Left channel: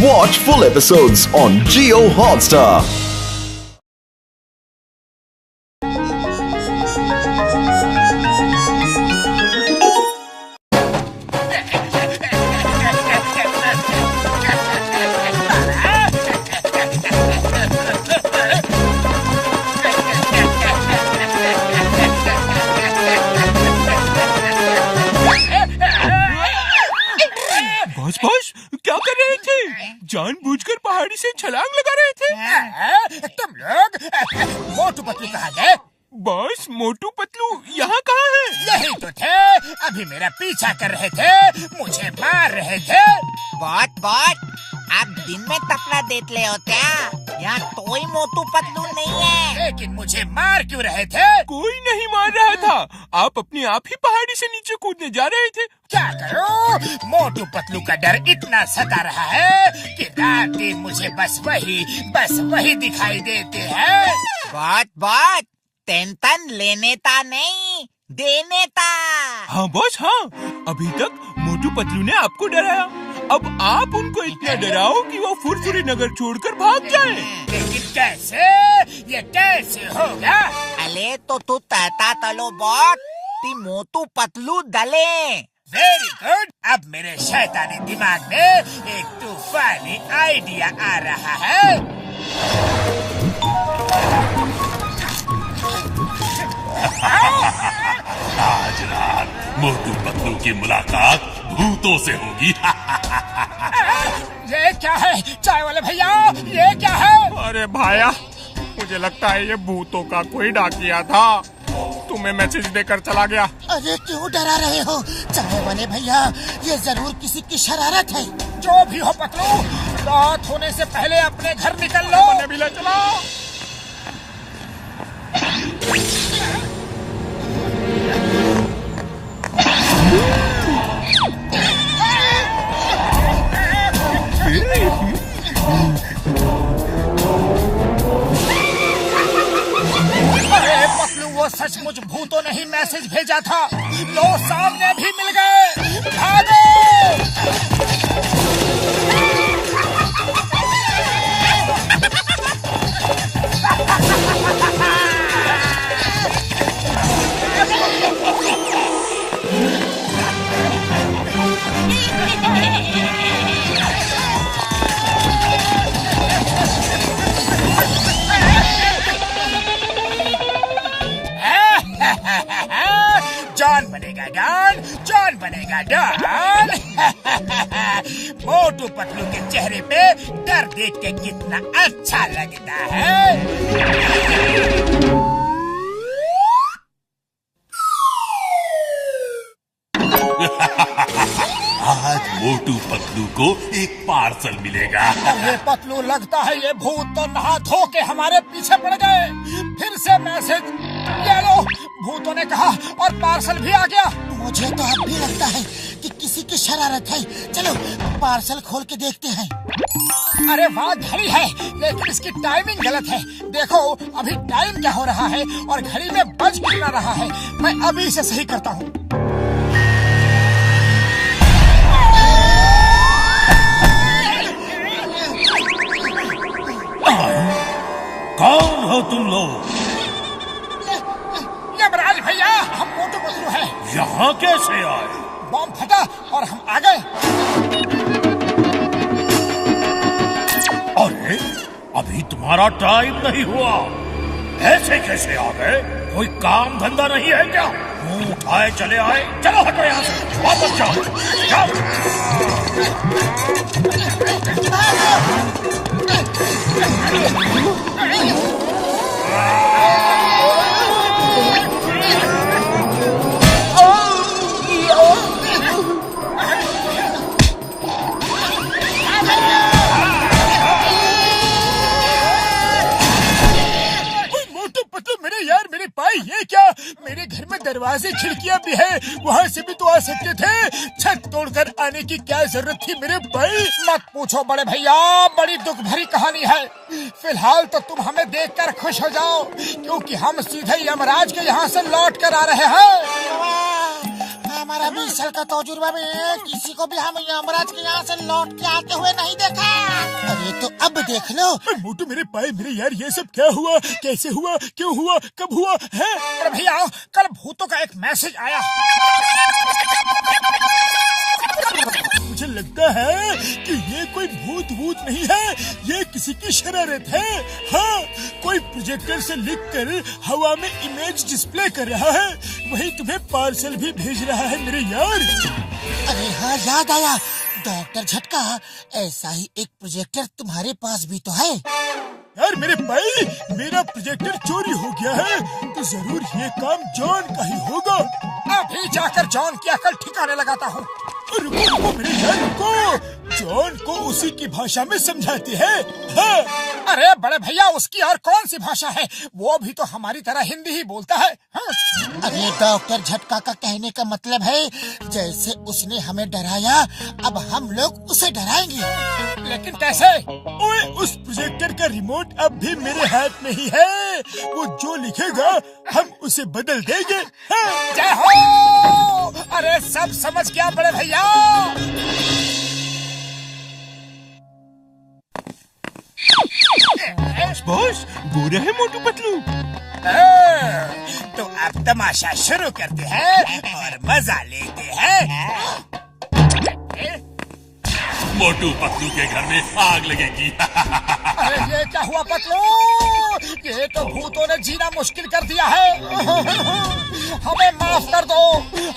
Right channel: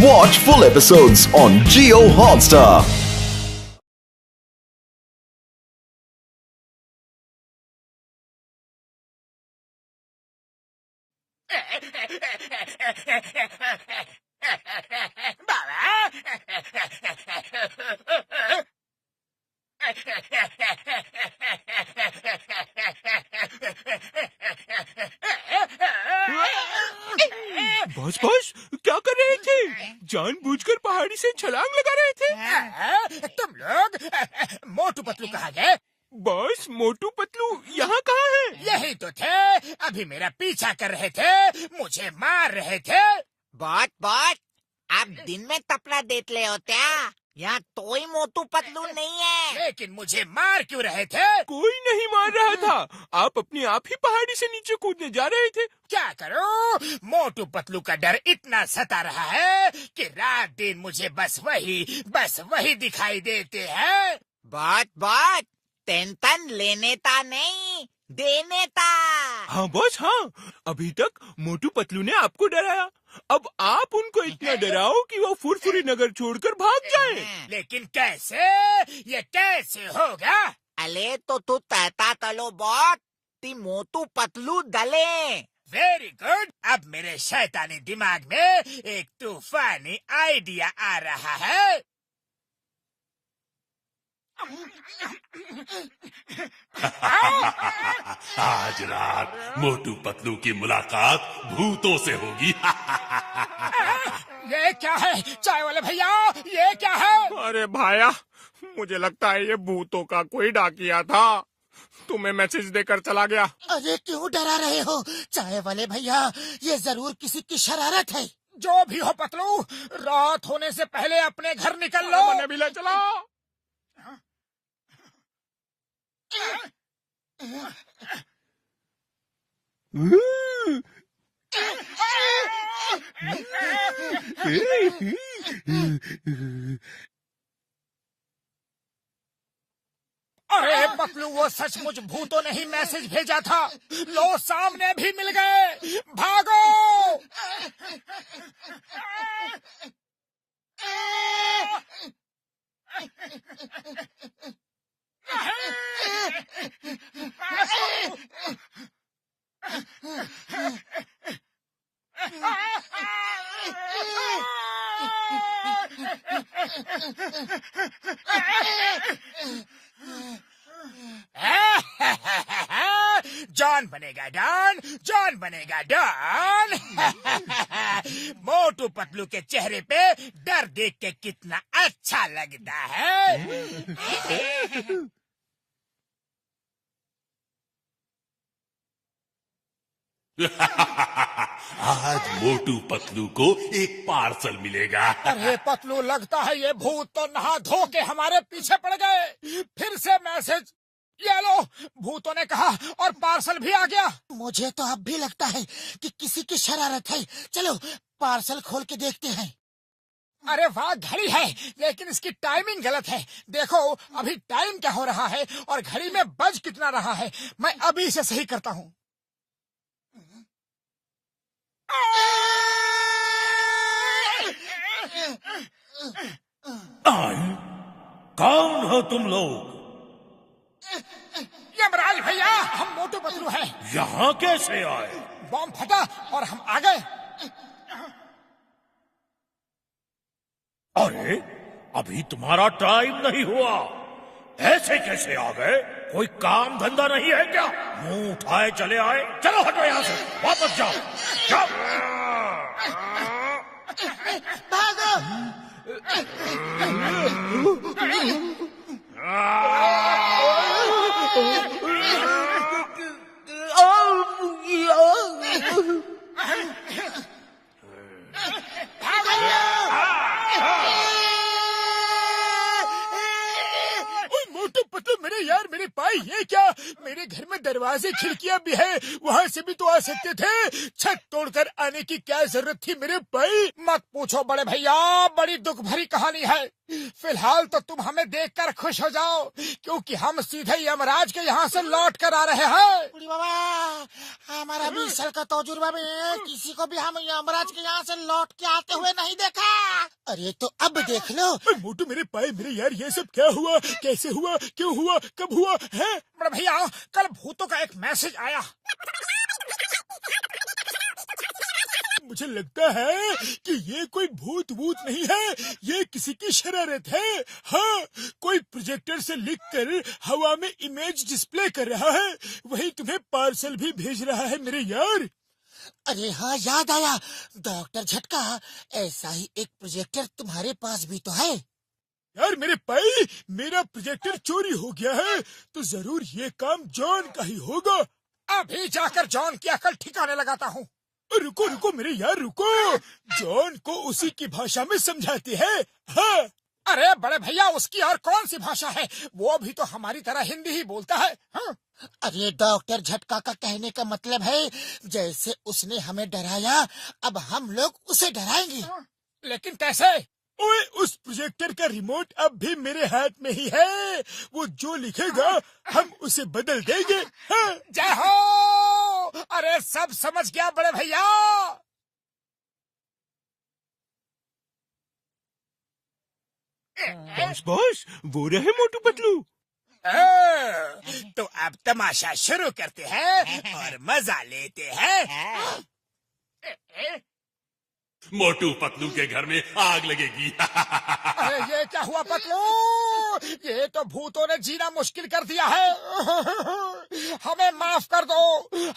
Watch full episodes on Jio Hotstar. Boss क्या कर रहे थे? जानबूझकर पहाड़ी से छलांग लगा रहे थे? तुम लोग मोटू पतलू कहाँ गए? बॉस मोटू पतलू यहाँ कहाँ है? यही तो थे, अभी मेरा पीछा कर रहे थे, मुझे मार रहे थे। बहुत आप दिन में तपला देते ले हो क्या? यहाँ कोई मोटू पतलू नहीं है। लेकिन मुझे मार क्यों रहे थे? कोई नहीं मार रहा था, आप अपने आप ही पहाड़ी से नीचे कूदने जा रहे थे। क्या करूं? मोटू पतलू का डर इतना सता रहा है कि रात दिन मुझे बस वही दिखाई देते हैं। बहुत टेंशन लेने ता नहीं देने ता। हाँ बॉस हाँ, अभी तक मोटू पतलू ने आपको डराया, अब आप उनको इतना डराओ कि वो फुरफुरी नगर छोड़कर भाग जाए। लेकिन कैसे? ये कैसे होगा? अले तो तू तहता तलो बॉट ती मोटू पतलू दले। वेरी गुड, अब मेरे शैतानी दिमाग में एक तूफानी आइडिया आ रहा है। आज रात मोटू पतलू की मुलाकात भूतों से होगी। ये क्या है चाय वाले भैया, ये क्या है? अरे भाया, मुझे लगता है ये भूतों का कोई डाकिया था, तुम्हें मैसेज देकर चला गया। अरे क्यों डरा रहे हो चाय वाले भैया, ये जरूर किसी की शरारत है। जो भी हो पतलू, रात होने से पहले अपने घर निकल लो। भी ले चलो। अरे पतलू, वो सचमुच भूतों ने ही मैसेज भेजा था। लो सामने भी मिल गए, भागो। जॉन बनेगा डॉन। मोटू पतलू के चेहरे पे डर देख के कितना अच्छा लगता है। आज मोटू पतलू को एक पार्सल मिलेगा। अरे पतलू, लगता है ये भूत तो नहा धो के हमारे पीछे पड़ गए। फिर से मैसेज ले लो, भूतों ने कहा, और पार्सल भी आ गया। मुझे तो अब भी लगता है कि किसी की शरारत है। चलो पार्सल खोल के देखते हैं। अरे वाह, घड़ी है, लेकिन इसकी टाइमिंग गलत है। देखो अभी टाइम क्या हो रहा है और घड़ी में बज कितना रहा है। मैं अभी इसे सही करता हूँ। कौन हो तुम लोग? यमराज भैया, हम मोटू पतलू हैं। यहाँ कैसे आए? बम फटा और हम आ गए। अरे अभी तुम्हारा टाइम नहीं हुआ, ऐसे कैसे आ गए? कोई काम धंधा नहीं है क्या? मुंह उठाए चले आए। चलो हटो यहाँ से, वापस जाओ मोटू पतलू, मेरे भाई, ये क्या? मेरे घर में दरवाजे खिड़कियां भी है, वहाँ से भी तो आ सकते थे। छत तोड़कर आने की क्या जरूरत थी मेरे भाई? मत पूछो बड़े भैया, बड़ी दुख भरी कहानी है। फिलहाल तो तुम हमें देखकर खुश हो जाओ, क्योंकि हम सीधे यमराज के यहाँ से लौट कर आ रहे हैं। हमारा 20 साल का तजुर्बा में किसी को भी हम यमराज के यहाँ से लौट के आते हुए नहीं देखा। अरे तो अब देख लो। मोटू मेरे पाए मेरे यार, ये सब क्या हुआ, कैसे हुआ, क्यों हुआ, कब हुआ है? अरे भैया कल भूतों का एक मैसेज आया। मुझे लगता है कि ये कोई भूत नहीं है, ये किसी की शरारत है। हाँ, कोई प्रोजेक्टर से लिखकर हवा में इमेज डिस्प्ले कर रहा है, वही तुम्हें पार्सल भी भेज रहा है मेरे यार। अरे हाँ याद आया, डॉक्टर झटका, ऐसा ही एक प्रोजेक्टर तुम्हारे पास भी तो है। यार मेरे भाई, मेरा प्रोजेक्टर चोरी हो गया है तो जरूर ये काम जॉन का ही होगा। अभी जाकर जॉन की अकल ठिकाने लगाता हूँ। रुको रुको मेरे यार रुको, जॉन को उसी की भाषा में समझाते हैं। हाँ। अरे बड़े भैया, उसकी और कौन सी भाषा है, वो भी तो हमारी तरह हिंदी ही बोलता है। हाँ। अरे डॉक्टर झटका का कहने का मतलब है जैसे उसने हमें डराया, अब हम लोग उसे डराएंगे। लेकिन कैसे? ओए, उस प्रोजेक्टर का रिमोट अब भी मेरे हाथ में ही है, वो जो लिखेगा हम उसे बदल देंगे। हाँ। जय हो। अरे सब समझ गया बड़े भैया। बॉस, बुरा है मोटू पतलू। तो अब तमाशा शुरू करते हैं और मजा लेते हैं। मोटू पतलू के घर में आग लगेगी। अरे ये क्या हुआ पतलू? ये तो भूतों ने जीना मुश्किल कर दिया है। हमें माफ कर दो,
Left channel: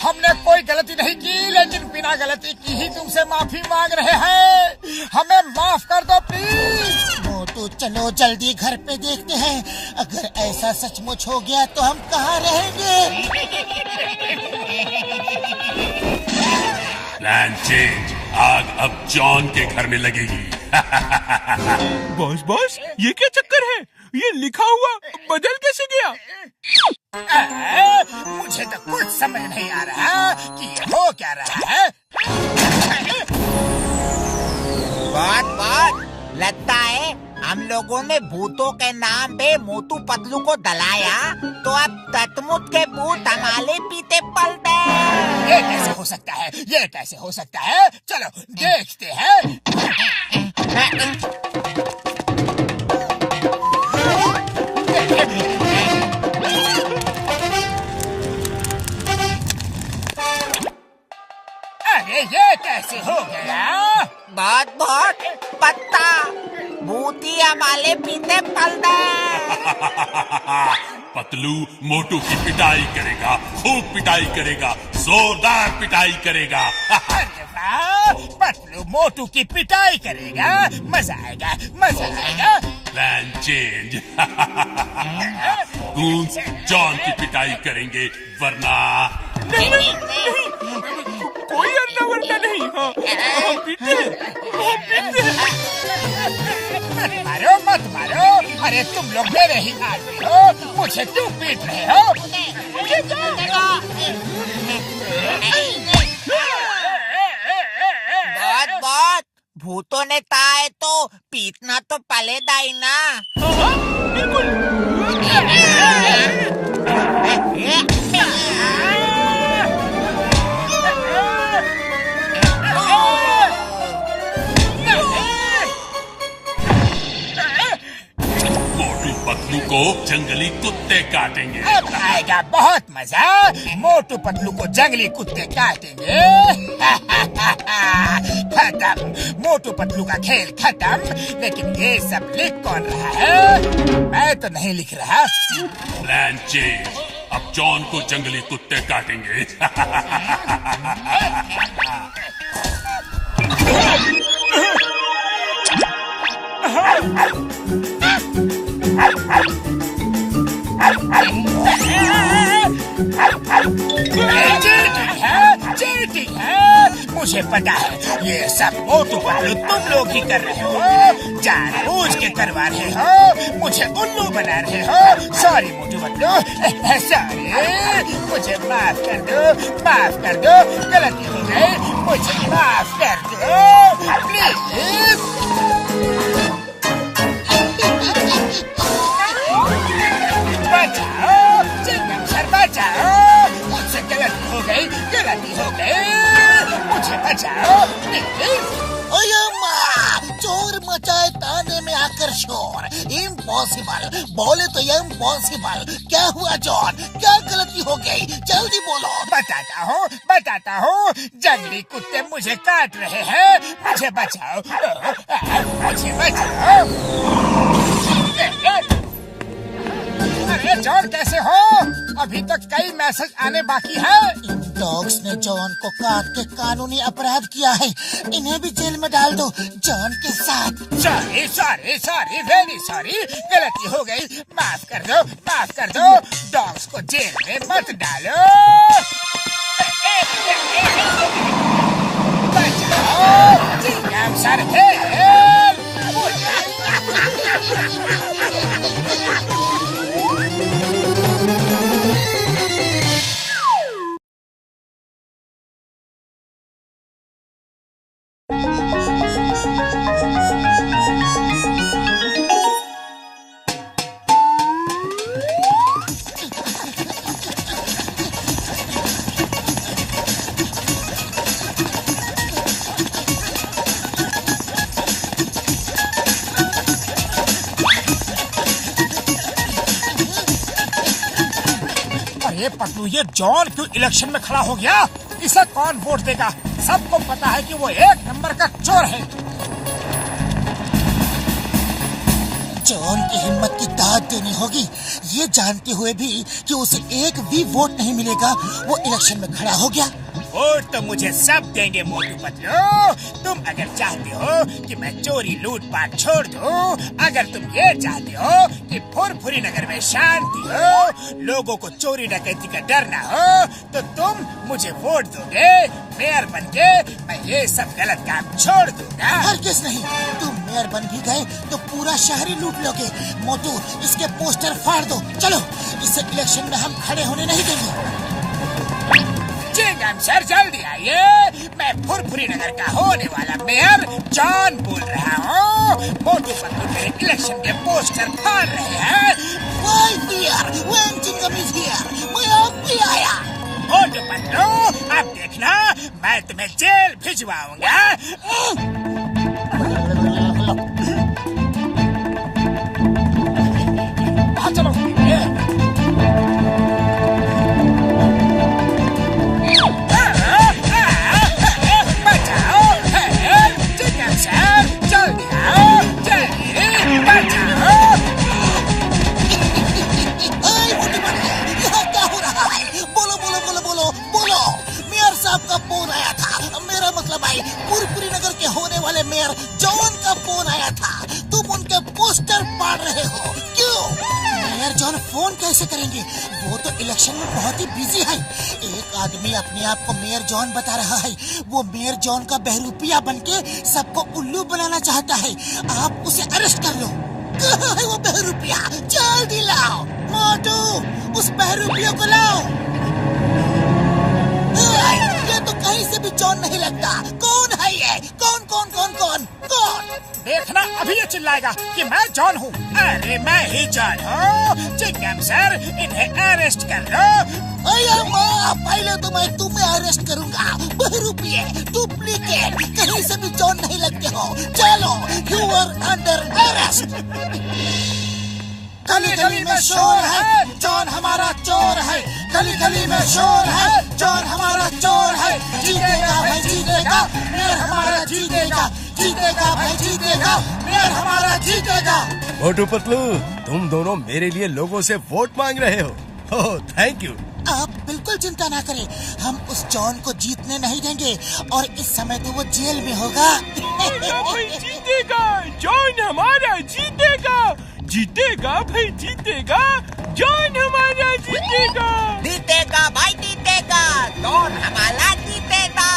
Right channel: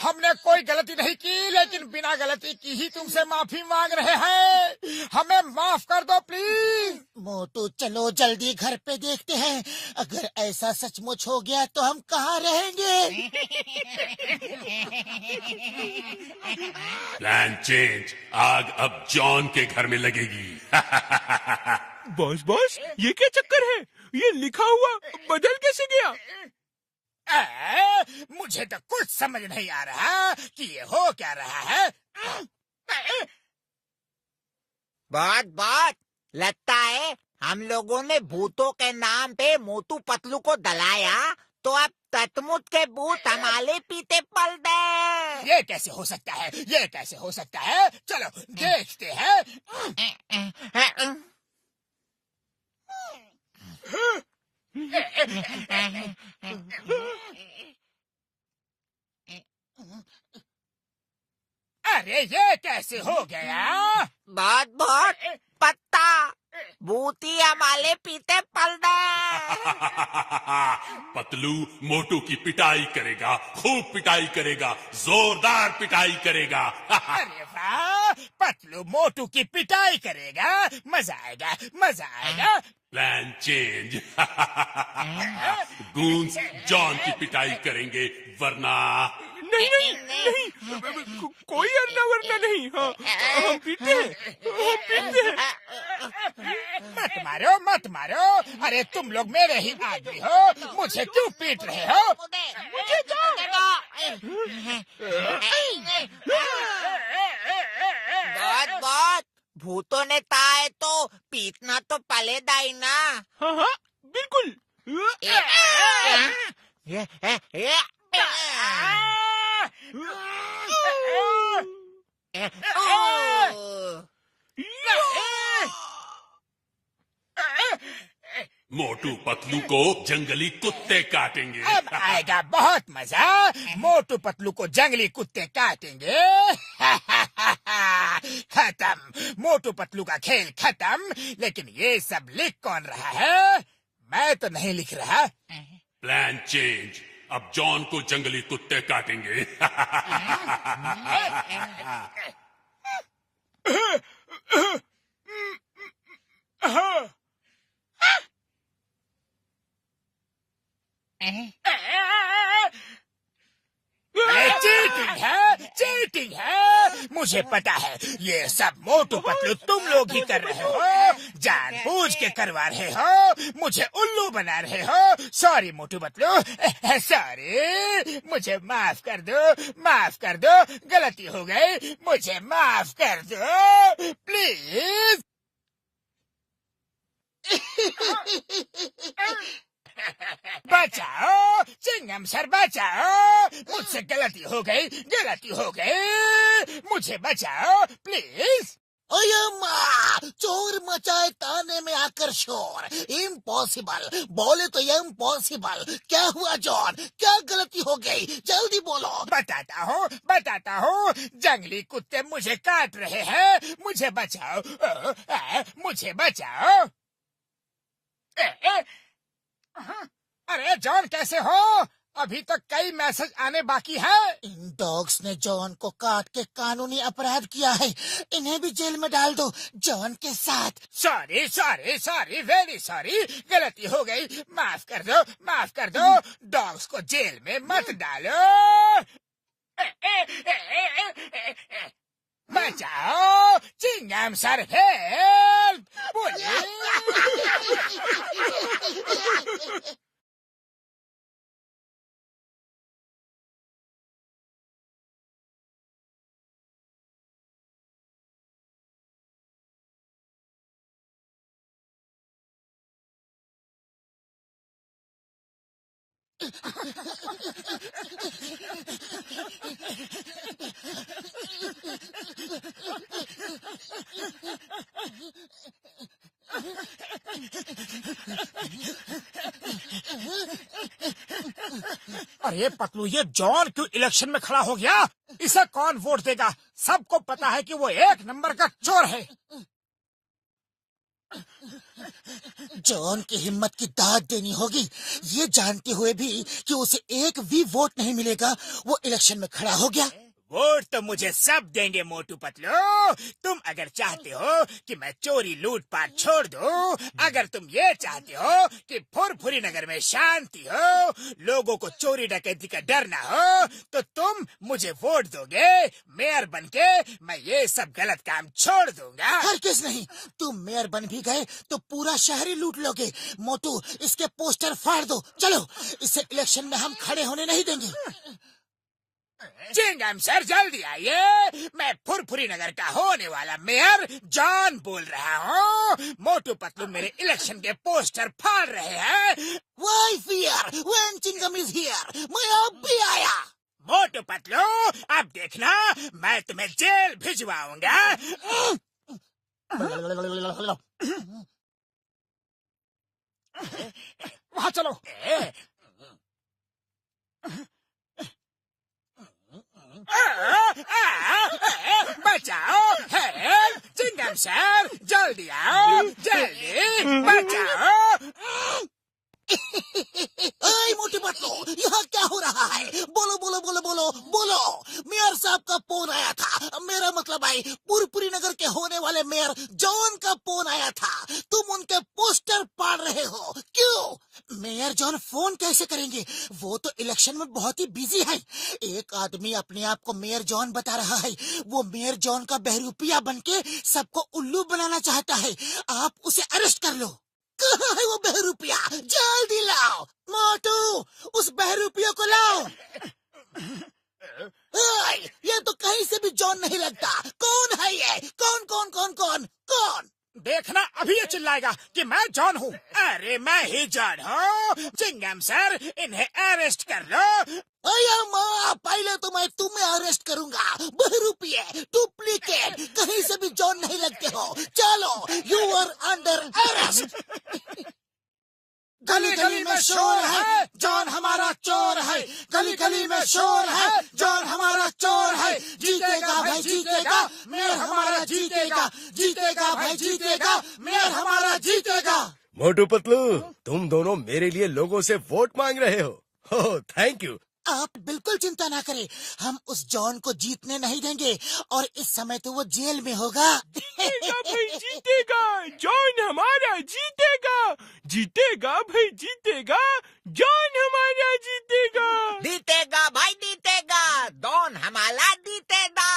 हमने कोई गलती नहीं की, लेकिन बिना गलती की ही तुमसे माफी मांग रहे हैं। हमें माफ कर दो प्लीज। मोटू चलो जल्दी घर पे देखते हैं, अगर ऐसा सचमुच हो गया तो हम कहाँ रहेंगे। प्लान चेंज, आग अब जॉन के घर में लगेगी। बॉस, ये क्या चक्कर है? ये लिखा हुआ बदल कैसे गया? मुझे तो कुछ समझ नहीं आ रहा कि ये हो क्या रहा है। बात लगता है हम लोगों ने भूतों के नाम पे मोटू पतलू को दलाया, तो अब ततमुत के भूत हमारे पीते पल गए। ये कैसे हो सकता है, ये कैसे हो सकता है? चलो देखते हैं। अरे ये कैसे हो गया? बहुत पत्ता भूती हमारे पीते पल गए। पतलू मोटू की पिटाई करेगा, खूब पिटाई करेगा, जोरदार पिटाई करेगा। अरे वाह, पतलू मोटू की पिटाई करेगा, मजा आएगा, मजा आएगा। Plan change. गूंज जॉन की पिटाई करेंगे, वरना नहीं, कोई अन्ना वरना नहीं। हाँ, हम पीते हैं। मत मारो। अरे तुम लोग मेरे ही आदमी हो, मुझे क्यों पीट रहे हो? बहुत भूतों ने ताए तो पीटना तो पलेगा ही ना। हाँ, बिल्कुल। मोटू पतलू को जंगली कुत्ते काटेंगे। अब आएगा बहुत मजा, मोटू पतलू को जंगली कुत्ते काटेंगे। खत्म, मोटू पतलू का खेल खत्म। लेकिन ये सब लिख कौन रहा है? मैं तो नहीं लिख रहा। प्लान चेंज, अब जॉन को जंगली कुत्ते काटेंगे। चीटिंग है, मुझे पता है ये सब मोटू पतलू तुम लोग ही कर रहे हो, जानबूझ के करवा रहे हो, मुझे उल्लू बना रहे हो। सॉरी मोटू पतलू, सॉरी, मुझे माफ कर दो, गलती हो गई, मुझे माफ कर दो प्लीज। बचाओ, चिंगम सर बचाओ, मुझसे गलती हो इम्पॉसिबल, बोले तो ये इम्पॉसिबल। क्या हुआ जॉन, क्या गलती हो गई, जल्दी बोलो। बताता हूँ। जंगली कुत्ते मुझे काट रहे हैं, मुझे बचाओ, मुझे बचाओ। अरे जॉन कैसे हो? अभी तक कई मैसेज आने बाकी है। इन डॉग्स ने जॉन को काट के कानूनी अपराध किया है, इन्हें भी जेल में डाल दो जॉन के साथ। सॉरी वेरी सॉरी, गलती हो गई, माफ कर दो। डॉग्स को जेल में मत डालो। बचाओ, चिंगम सर हेल्प। अरे पटलू, ये जॉन क्यों इलेक्शन में खड़ा हो गया? इसे कौन वोट देगा? सबको पता है कि वो एक नंबर का चोर है। जॉन की हिम्मत की दाद देनी होगी। ये जानते हुए भी कि उसे एक भी वोट नहीं मिलेगा, वो इलेक्शन में खड़ा हो गया। वोट तो मुझे सब देंगे मोटू पतलू। तुम अगर चाहते हो कि मैं चोरी लूटपाट छोड़ दूं, अगर तुम ये चाहते हो कि फुरफुरी नगर में शांति हो, लोगों को चोरी डकैती का डर ना हो, तो तुम मुझे वोट दोगे। मेयर बनके मैं ये सब गलत काम छोड़ दूंगा। हरगिज़ नहीं, तुम मेयर बन भी गए तो पूरा शहर ही लूट लोगे। मोटू, इसके पोस्टर फाड़ दो। चलो, इसे इलेक्शन में हम खड़े होने नहीं देंगे। चिंगम सर जल्दी आइए, मैं फुरफुरी नगर का होने वाला मेयर जॉन बोल रहा हूँ। मोटू पतलू मेरे इलेक्शन के पोस्टर फाड़ रहे हैं। मैं अब भी आया। मोटू पतलू, अब देखना मैं तुम्हें जेल भिजवाऊंगा। चलो, सर जल्दी आओ, चलिए बचाओ। यहाँ क्या हो रहा है? बोलो। मेयर साहब का फोन आया था। मेरा मतलब है फुरफुरी नगर के होने वाले मेयर जॉन का फोन आया था। तुम उनके पोस्टर फाड़ रहे हो, क्यों? मेयर जॉन फोन कैसे करेंगे? वो तो इलेक्शन में बहुत ही बिजी है। एक आदमी अपने आप को मेयर जॉन बता रहा है। वो मेयर जॉन का बहरूपिया बनके सबको उल्लू बनाना चाहता है। आप उसे अरेस्ट कर लो। कहाँ है वो बहरूपिया? जल्दी लाओ। मोटू, उस बहरूपिया को लाओ। ये तो कहीं से भी जॉन नहीं लगता। कौन है ये? कौन? देखना, अभी ये चिल्लाएगा कि मैं जॉन हूँ। अरे मैं ही जॉन हूँ। चिंगम सर, इन्हें अरेस्ट कर लो। पहले तो मैं तुम्हें अरेस्ट करूंगा। बहरूपिये, डुप्लीकेट, कहीं से भी जॉन नहीं लगते हो। चलो, यू आर अंडर अरेस्ट। गली में शोर है, जॉन हमारा चोर है। गली में शोर है, जॉन हमारा चोर है। जीतेगा भाई जीतेगा, मेयर हमारा जीतेगा। जीतेगा भाई जीतेगा, मेयर हमारा जीतेगा। मोटू पतलू, तुम दोनों मेरे लिए लोगों से वोट मांग रहे हो। ओह, थैंक यू। आप बिल्कुल चिंता ना करें, हम उस जॉन को जीतने नहीं देंगे और इस समय तो वो जेल में होगा। जीतेगा, जॉन हमारा जीतेगा। जीतेगा भाई जीतेगा, जॉन हमारा जीतेगा। जीतेगा भाई जीतेगा, जॉन हमारा जीतेगा।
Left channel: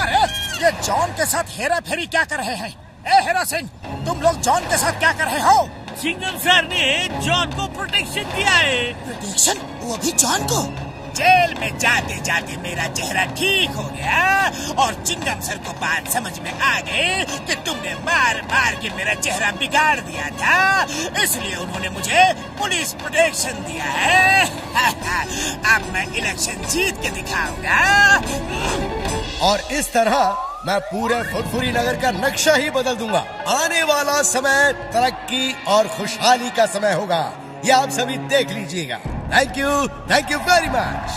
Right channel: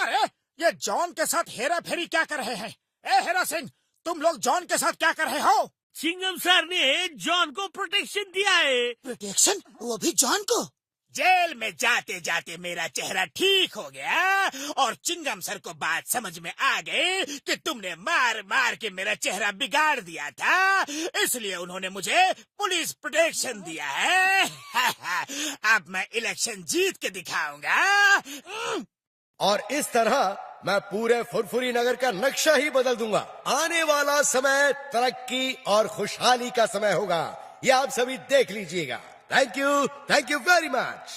अरे ये जॉन के साथ हेरा फेरी क्या कर रहे हैं? ए हेरा सिंह, तुम लोग जॉन के साथ क्या कर रहे हो? चिंगम सर ने जॉन को प्रोटेक्शन दिया है। प्रोटेक्शन? वो भी जॉन को? जेल में जाते जाते मेरा चेहरा ठीक हो गया और चिंगम सर को बात समझ में आ गई कि तुमने मार मार के मेरा चेहरा बिगाड़ दिया था, इसलिए उन्होंने मुझे पुलिस प्रोटेक्शन दिया है। अब मैं इलेक्शन जीत के दिखाऊंगा। और इस तरह मैं पूरे फुरफुरी नगर का नक्शा ही बदल दूंगा। आने वाला समय तरक्की और खुशहाली का समय होगा, ये आप सभी देख लीजिएगा। Thank you very much.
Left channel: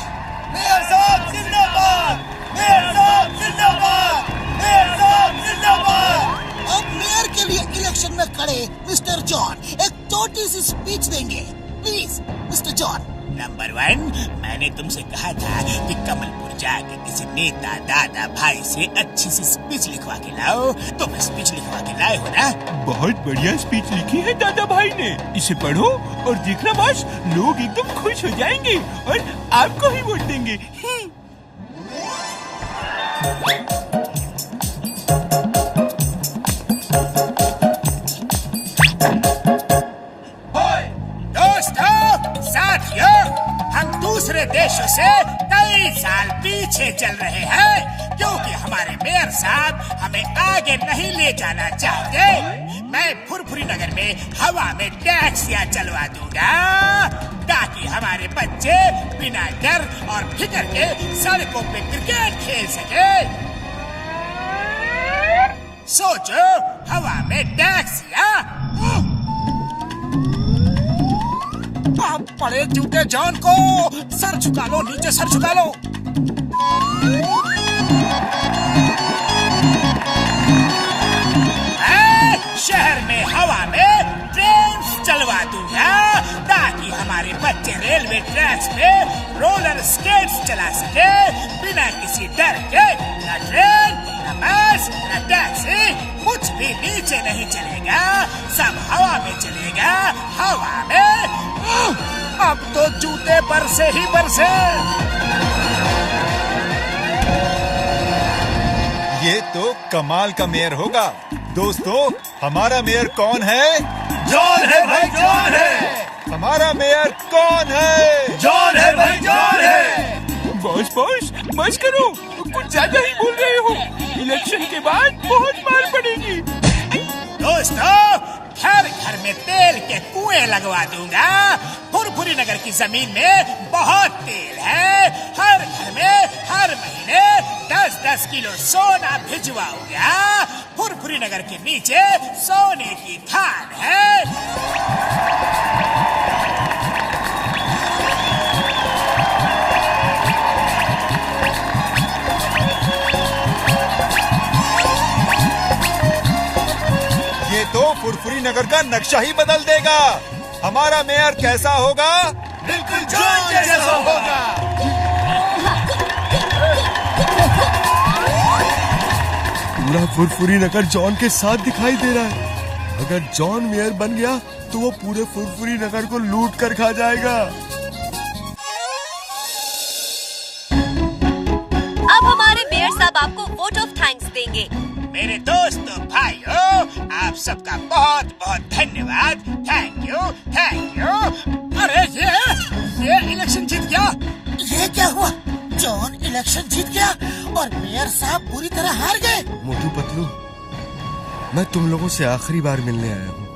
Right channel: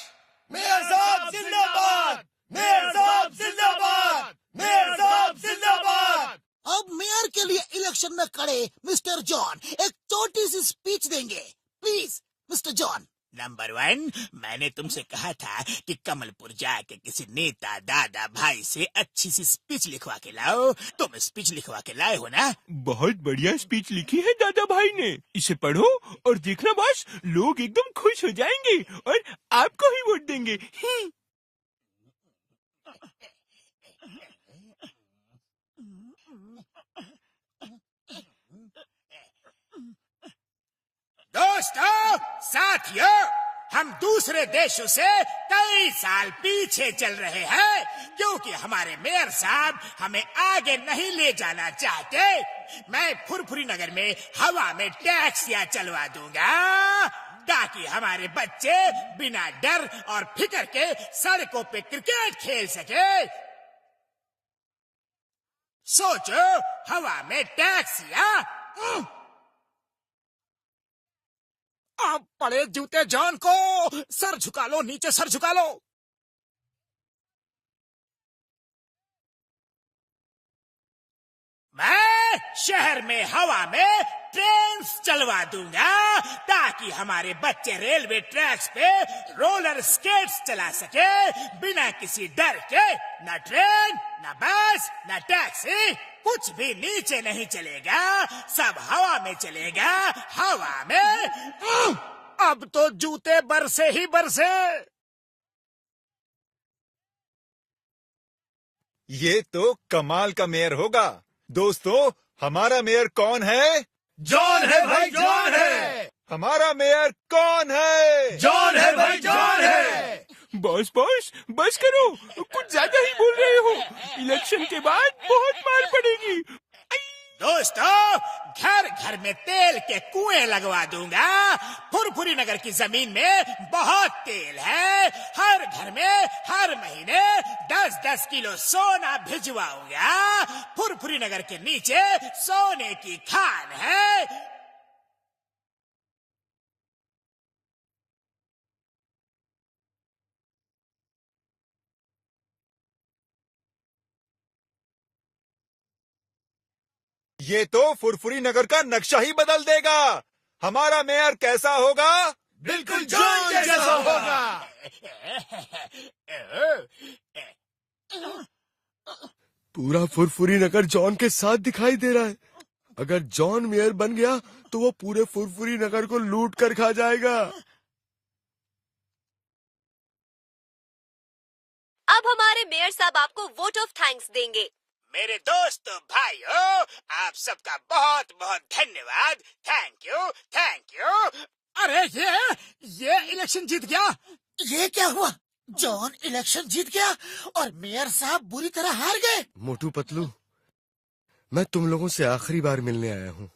Mayor साहब जिंदाबाद, मेयर साहब जिंदाबाद, मेयर साहब जिंदाबाद। अब मेयर के लिए इलेक्शन में खड़े मिस्टर जॉन एक छोटी सी स्पीच देंगे। Please mister John. नंबर 1, मैंने तुमसे कहा था कि कमलपुर जाके किसी नेता दादा भाई से अच्छी सी स्पीच लिखवा के लाओ। तुम स्पीच लिखवा के लाए हो ना? बहुत बढ़िया स्पीच लिखी है दादा भाई ने, इसे पढ़ो और देखना बस, लोग एकदम खुश हो जाएंगे और आपको ही वोट देंगे। दूसरे देशों से कई साल पीछे चल रहे हैं क्योंकि हमारे मेयर साहब हमें आगे नहीं ले जाना चाहते। मैं फुरफुरी नगर में हवा में टैक्सियां चलवा दूंगा ताकि हमारे बच्चे बिना डर और फिक्र के सड़कों पे क्रिकेट खेल सके। सोचो, हवा में टैक्सियां। आप बड़े जूते जॉन को सर झुका लो, नीचे सर झुका लो। शहर में हवा में ट्रेन चलवा दूंगा ताकि हमारे बच्चे रेलवे ट्रैक्स पे रोलर स्केट्स चला सके बिना किसी डर के। न ट्रेन, न बस, न टैक्सी, कुछ भी नीचे नहीं चलेगा, सब हवा में चलेगा, हवा में। अब तो जूते बरसे ही बरसे। ये तो कमाल का मेयर होगा। दोस्तों, हमारा मेयर कौन है? जॉन है भाई, जॉन है। हमारा मेयर कौन है? जॉन है भाई, जॉन है। बॉस बस करो, कुछ ज्यादा ही बोल रहे हो। इलेक्शन के बाद बहुत मार पड़ेगी। दोस्तों, घर घर में तेल के कुएं लगवा दूंगा। फुरफुरी नगर की जमीन में बहुत तेल है। हर घर में हर महीने 10-10 किलो सोना भिजवाऊंगा। फुरफुरी नगर के नीचे सोने की खान है। फुरफुरी नगर का नक्शा ही बदल देगा। हमारा मेयर कैसा होगा? बिल्कुल जॉन जैसा होगा। पूरा फुरफुरी नगर जॉन के साथ दिखाई दे रहा है। अगर जॉन मेयर बन गया तो वो पूरे फुरफुरी नगर को लूट कर खा जाएगा। अब हमारे मेयर साहब आपको वोट ऑफ थैंक्स देंगे। मेरे दोस्तों भाइयों, आप सबका बहुत बहुत धन्यवाद। Thank you. अरे ये इलेक्शन जीत गया। ये क्या हुआ? जॉन इलेक्शन जीत गया और मेयर साहब बुरी तरह हार गए। मोटू पतलू, मैं तुम लोगों से आखिरी बार मिलने आया हूँ।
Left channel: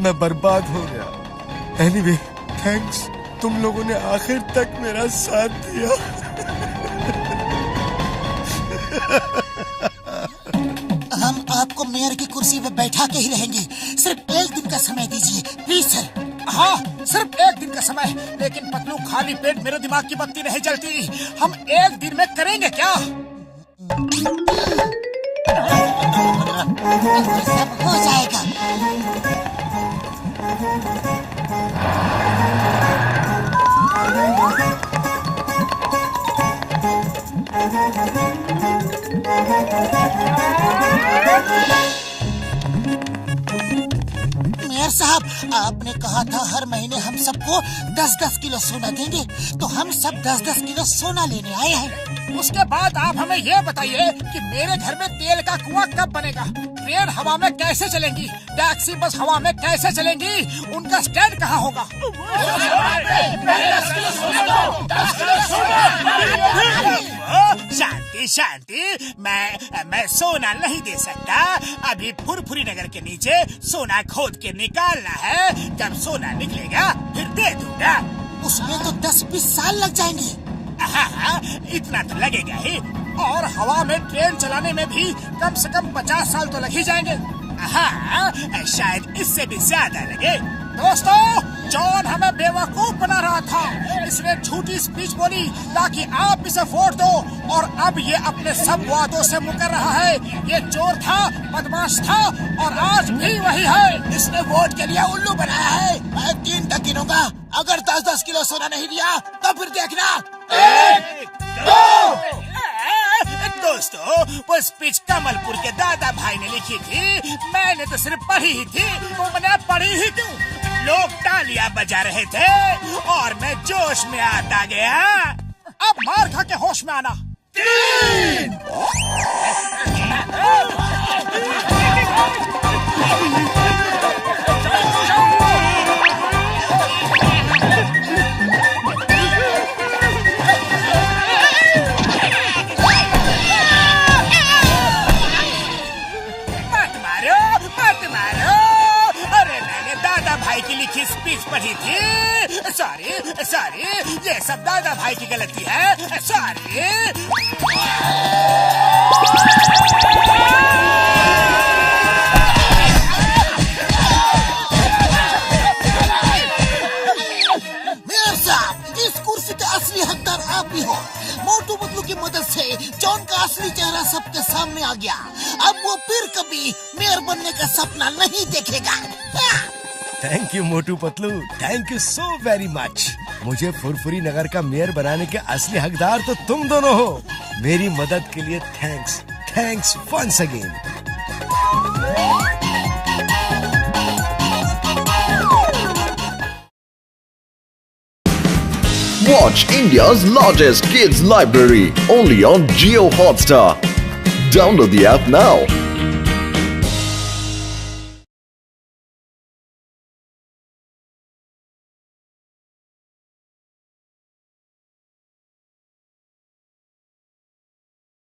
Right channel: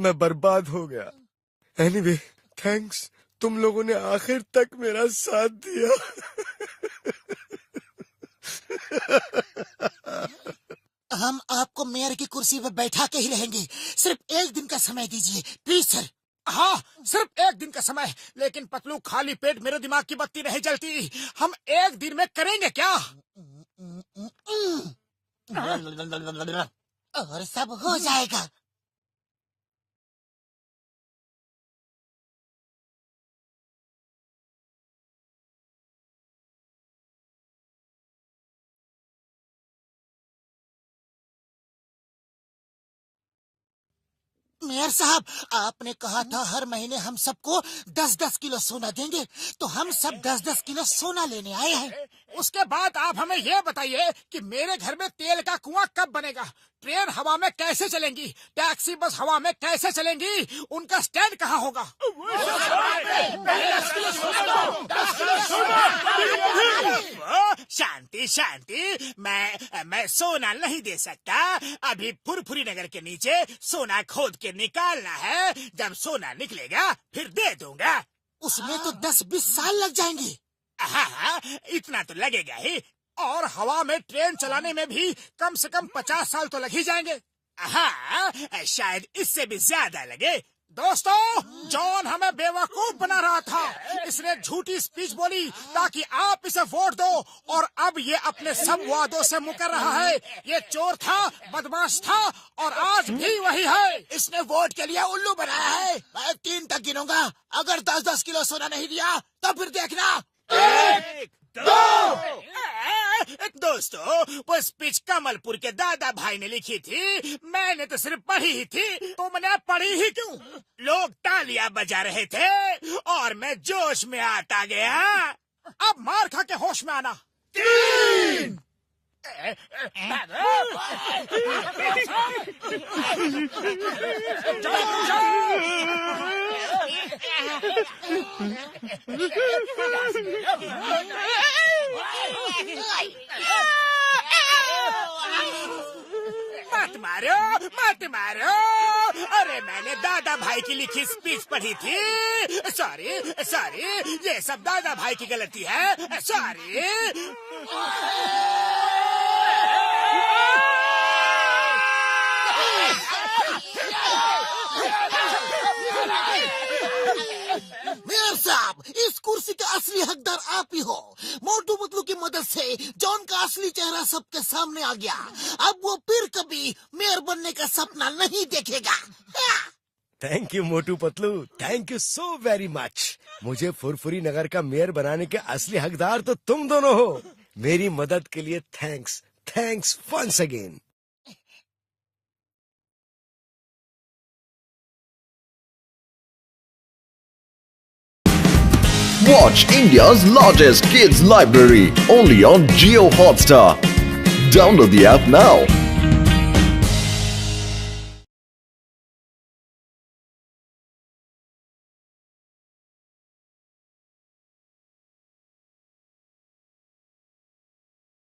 मैं बर्बाद हो गया। एनीवे, थैंक्स, तुम लोगों ने आखिर तक मेरा साथ दिया। हम आपको मेयर की कुर्सी पे बैठा के ही रहेंगे। सिर्फ एक दिन का समय दीजिए प्लीज सर। हाँ, सिर्फ एक दिन का समय। लेकिन पतलू, खाली पेट मेरे दिमाग की बत्ती नहीं जलती। हम एक दिन में करेंगे क्या? सब हो जाएगा। मेयर साहब, आपने कहा था हर महीने हम सबको 10-10 किलो सोना देंगे, तो हम सब 10-10 किलो सोना लेने आए हैं। उसके बाद आप हमें ये बताइए कि मेरे घर में तेल का कुआं कब बनेगा? ट्रेन हवा में कैसे चलेंगी? टैक्सी बस हवा में कैसे चलेंगी? उनका स्टैंड कहाँ होगा? शांति, मैं सोना नहीं दे सकता। अभी फुरफुरी नगर के नीचे सोना खोद के निकालना है। जब सोना निकलेगा फिर दे दूंगा। उसमें तो 10-20 साल लग जाएंगे। हाँ, इतना तो लगेगा ही। और हवा में ट्रेन चलाने में भी कम से कम 50 साल तो लग ही जाएंगे। हाँ, शायद इससे भी ज्यादा लगे। दोस्तों, जॉन हमें बेवकूफ बना रहा था। इसने झूठी स्पीच बोली ताकि आप इसे वोट दो, और अब ये अपने सब वादों से मुकर रहा है। ये चोर था, बदमाश था, और आज भी वही है। इसने वोट के लिए उल्लू बनाया है। मैं 3 तक गिनूंगा। अगर 10-10 किलो सोना नहीं दिया तो फिर देखना। 1, 2। दोस्तों, वो स्पीच कमलपुर के दादा भाई ने लिखी थी। मैंने तो सिर्फ पढ़ी ही थी। तुमने पढ़ी ही क्यों? लोग तालियां बजा रहे थे और मैं जोश में आता गया। अब मार खा के होश में आना। 3। की लिखी स्पीच पढ़ी थी। सॉरी, ये सब दादा भाई की गलती है। सॉरी। मेयर साहब, इस कुर्सी का असली हकदार आप ही हो। मोटू पतलू की मदद से जॉन का असली चेहरा सबके सामने आ गया। अब वो फिर कभी मेयर बनने का सपना नहीं देखेगा। Thank you Motu Patlu, thank you so very much. मुझे फुरफुरी नगर का मेयर बनाने के असली हकदार तो तुम दोनों हो। मेरी मदद के लिए thanks once again. Watch India's largest kids library only on Jio Hotstar. Download the app now.